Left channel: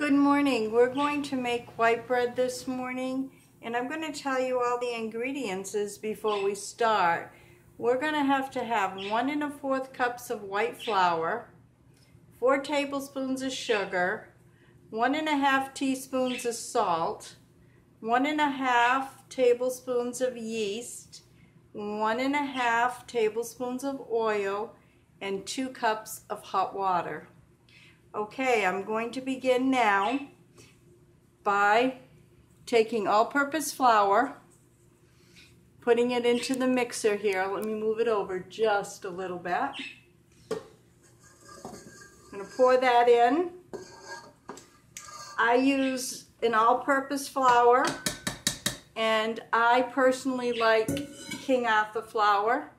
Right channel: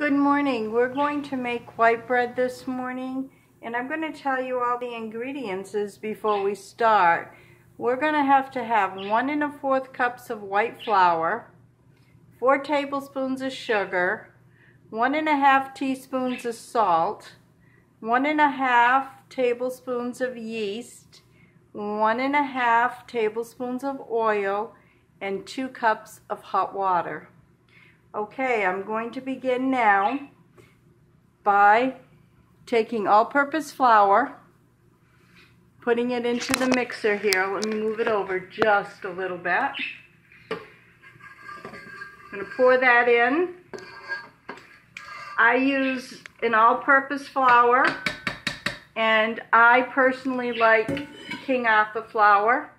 Good morning. We're going to make white bread this morning, and I'm going to tell you all the ingredients before we start. We're going to have 1 1/4 cups of white flour, 4 tablespoons of sugar, 1 1/2 teaspoons of salt, 1 1/2 tablespoons of yeast, 1 1/2 tablespoons of oil, and 2 cups of hot water. Okay, I'm going to begin now by taking all-purpose flour, putting it into the mixer here. Let me move it over just a little bit. I'm going to pour that in. I use an all-purpose flour, and I personally like King Arthur flour.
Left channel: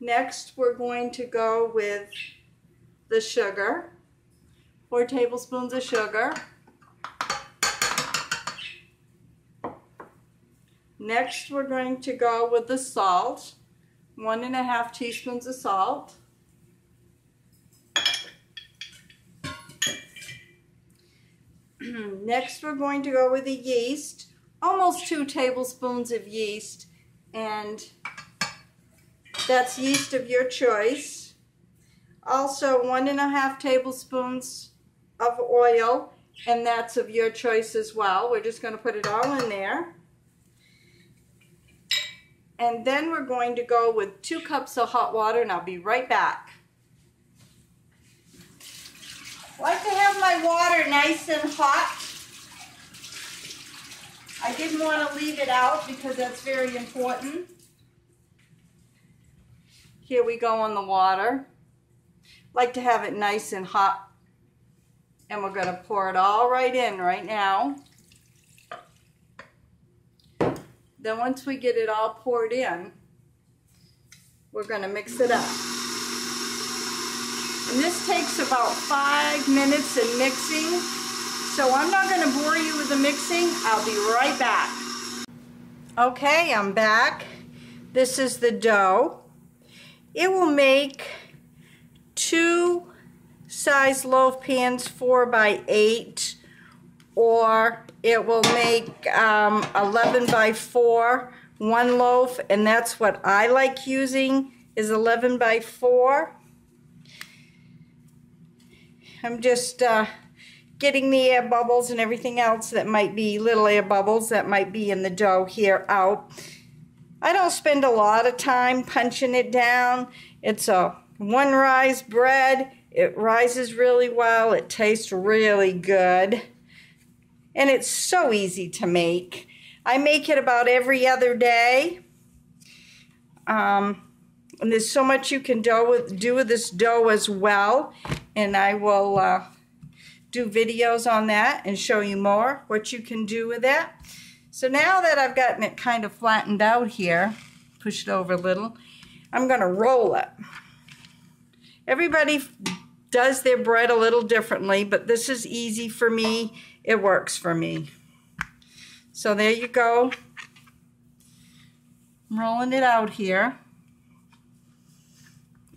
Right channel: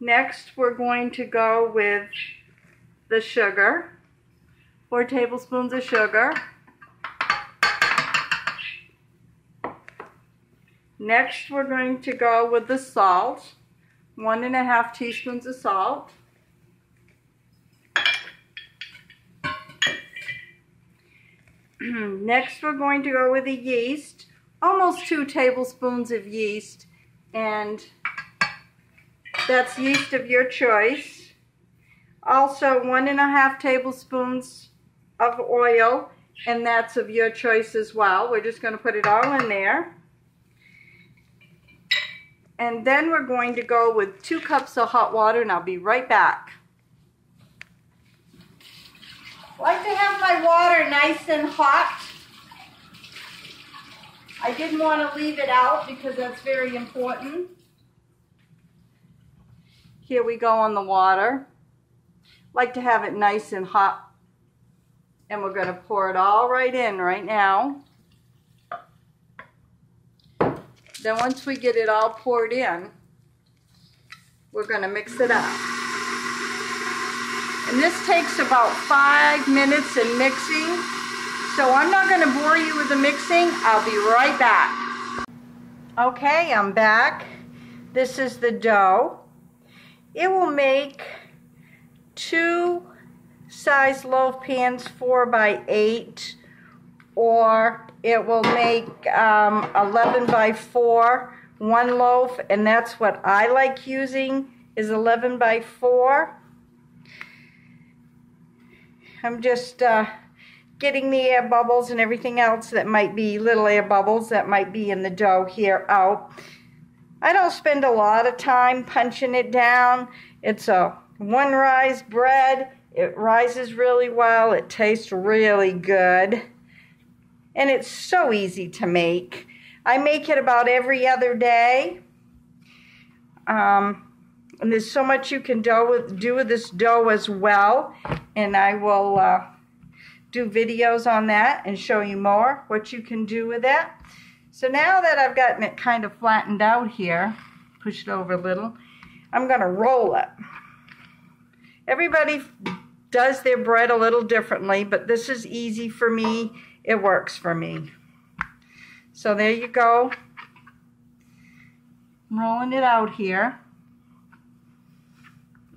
Next, we're going to go with the sugar, 4 tablespoons of sugar. Next, we're going to go with the salt, 1 1/2 teaspoons of salt. Next, we're going to go with the yeast, almost 2 tablespoons of yeast, and that's yeast of your choice. Also 1 1/2 tablespoons of oil, and that's of your choice as well. We're just going to put it all in there. And then we're going to go with 2 cups of hot water, and I'll be right back. I like to have my water nice and hot. I didn't want to leave it out because that's very important. Here we go on the water. Like to have it nice and hot, and we're going to pour it all right in right now. Then once we get it all poured in, we're going to mix it up. And this takes about 5 minutes in mixing, so I'm not going to bore you with the mixing. I'll be right back. Okay, I'm back. This is the dough. It will make 2 size loaf pans 4 by 8, or it will make 11 by 4, 1 loaf, and that's what I like using, is 11 by 4. I'm just getting the air bubbles and everything else that might be, little air bubbles that might be in the dough here out. I don't spend a lot of time punching it down. It's a 1 rise bread. It rises really well. It tastes really good. And it's so easy to make. I make it about every other day. And there's so much you can do with this dough as well. And I will do videos on that and show you more what you can do with it. So now that I've gotten it kind of flattened out here, push it over a little, I'm going to roll it. Everybody does their bread a little differently, but this is easy for me. It works for me. So there you go. I'm rolling it out here.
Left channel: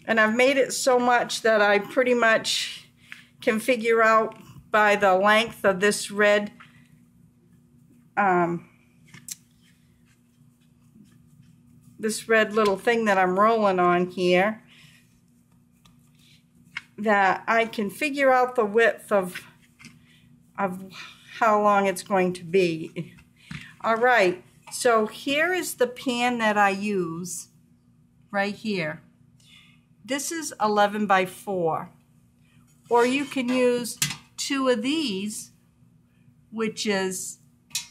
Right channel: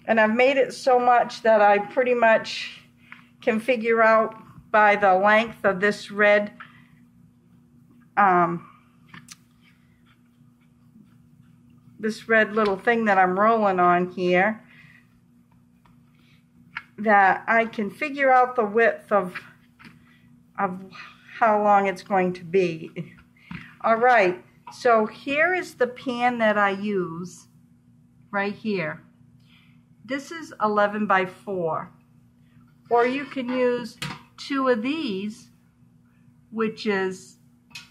And I've made it so much that I pretty much can figure out by the length of this red little thing that I'm rolling on here, that I can figure out the width of how long it's going to be. Alright, so here is the pan that I use right here. This is 11 by 4. Or you can use 2 of these, which is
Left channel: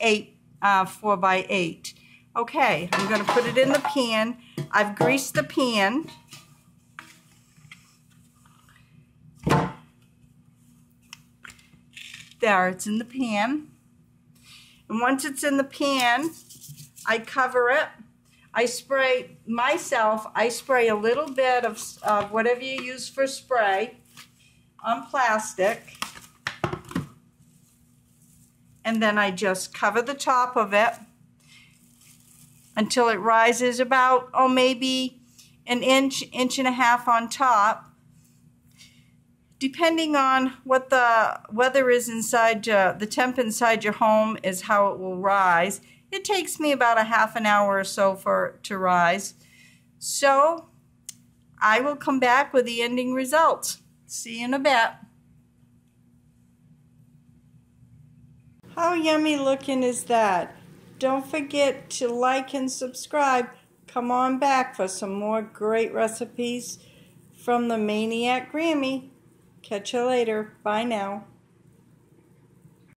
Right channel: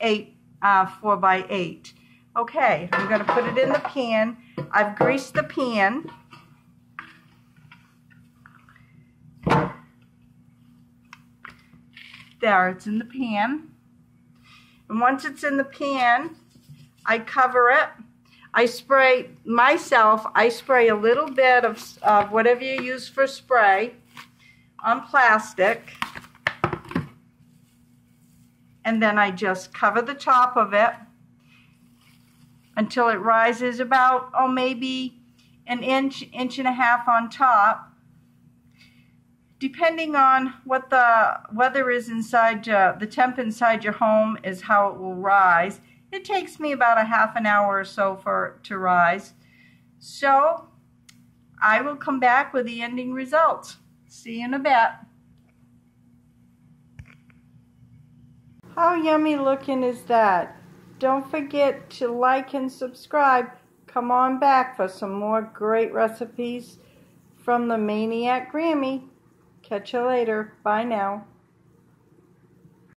4 by 8. Okay, I'm going to put it in the pan. I've greased the pan. There, it's in the pan. And once it's in the pan, I cover it. I spray a little bit of whatever you use for spray on plastic. And then I just cover the top of it until it rises about, maybe an inch, 1.5 inches on top. depending on what the weather is inside, the temp inside your home is how it will rise. It takes me about a half an hour or so for it to rise. So I will come back with the ending results. See you in a bit. How yummy looking is that? Don't forget to like and subscribe. Come on back for some more great recipes from the MAINEiac Grammie. Catch you later. Bye now.